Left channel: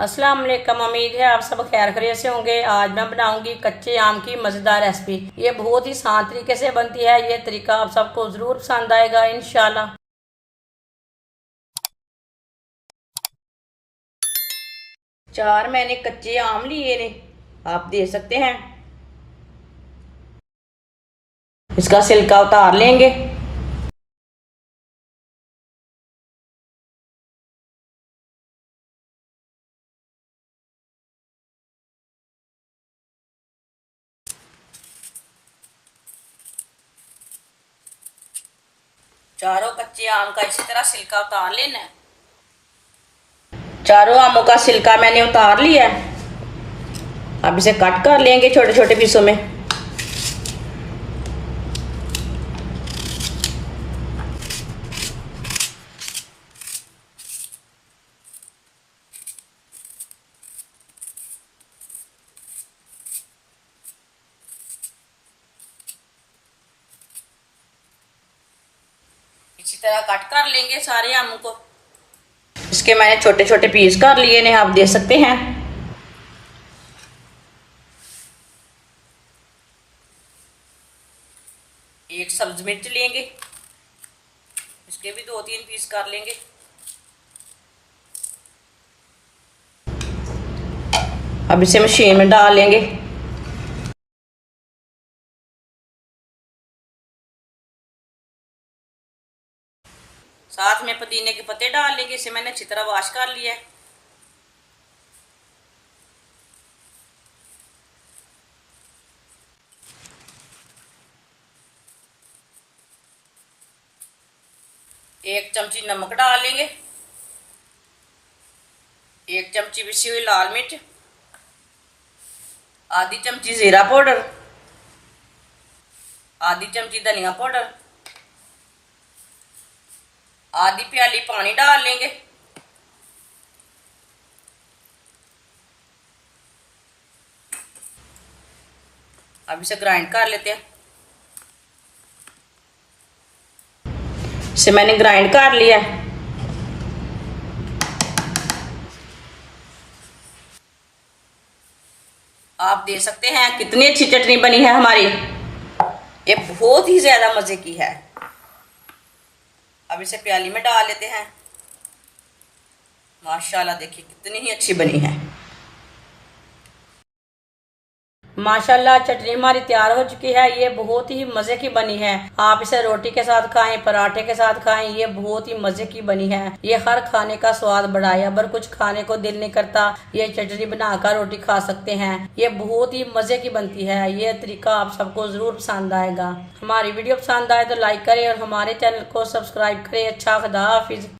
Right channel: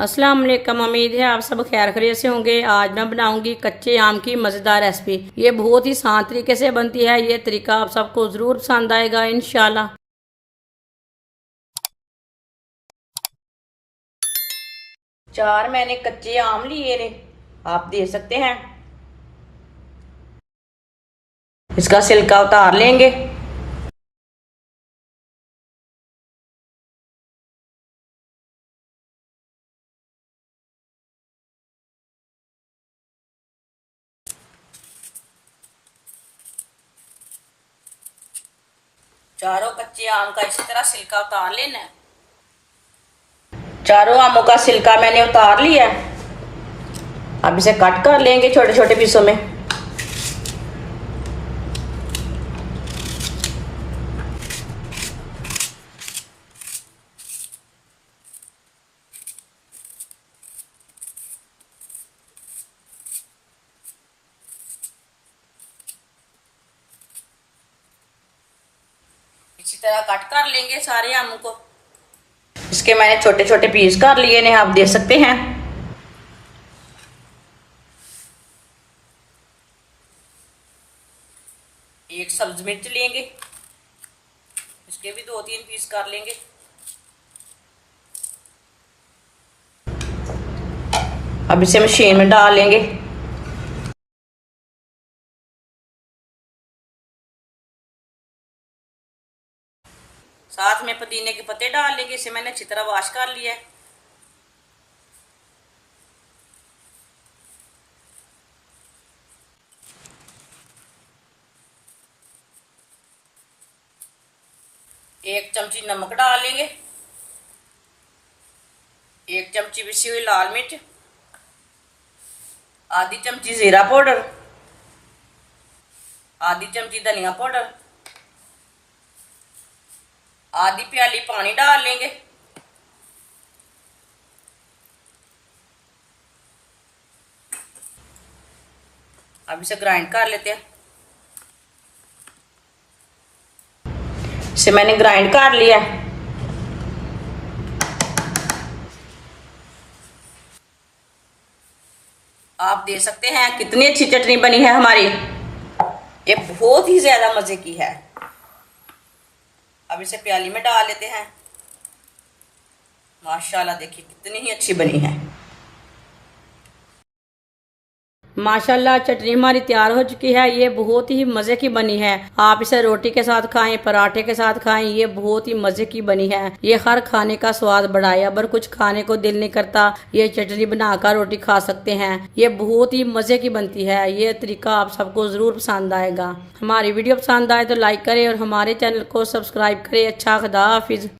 अस्सलाम वालेकुम। उम्मीद है आप सब खैर खैरियत से होंगे। आज मैं बनाऊंगी कच्चे आम की मज़ेदार रेसिपी। ये बहुत ही आसान तरीके से बनती है। ये तरीका आप सबको ज़रूर पसंद आएगा इंशाल्लाह। 4 मैंने कच्चे आम लिए ने, आप देख सकते हैं। इसका छिलका उतार लेंगे। चारों कच्चे आम का इसी तरह छिलका उतार लेना है। चारों आमों का छिलका मैंने उतार लिया है। अब इसे कट कर लेंगे छोटे छोटे पीसों में। इसी तरह कट कर लेंगे सारे आमों को। इसके मैंने छोटे छोटे पीस कर लिए ने, आप देख सकते हैं। एक सब्ज मिर्च लेंगे, इसके भी 2-3 पीस कर लेंगे। अब इसे मशीन में डाल लेंगे। साथ में पुदीने के पत्ते डाल लेंगे। इसे मैंने अच्छी तरह वॉश कर लिया है। एक चमची नमक डाल लेंगे। एक चमची पिसी हुई लाल मिर्च, आधी चमची जीरा पाउडर, आधी चमची धनिया पाउडर, आधी प्याली पानी डाल लेंगे। अब इसे ग्राइंड कर लेते हैं। इसे मैंने ग्राइंड कर लिया। आप देख सकते हैं कितनी अच्छी चटनी बनी है हमारी। ये बहुत ही ज्यादा मजे की है। अब इसे प्याली में डाल लेते हैं। माशाल्लाह देखिए कितनी ही अच्छी बनी है। माशाल्लाह चटनी हमारी तैयार हो चुकी है। ये बहुत ही मजे की बनी है। आप इसे रोटी के साथ खाएं, पराठे के साथ खाएं। ये बहुत ही मजे की बनी है। ये हर खाने का स्वाद बढ़ाए। अगर कुछ खाने को दिल नहीं करता, ये चटनी बनाकर रोटी खा सकते हैं। ये बहुत ही मजे की बनती है। ये तरीका आप सबको जरूर पसंद आएगा। हमारी वीडियो पसंद आए तो लाइक करें और हमारे चैनल को सब्सक्राइब करें। अच्छा, खुदा हाफिज।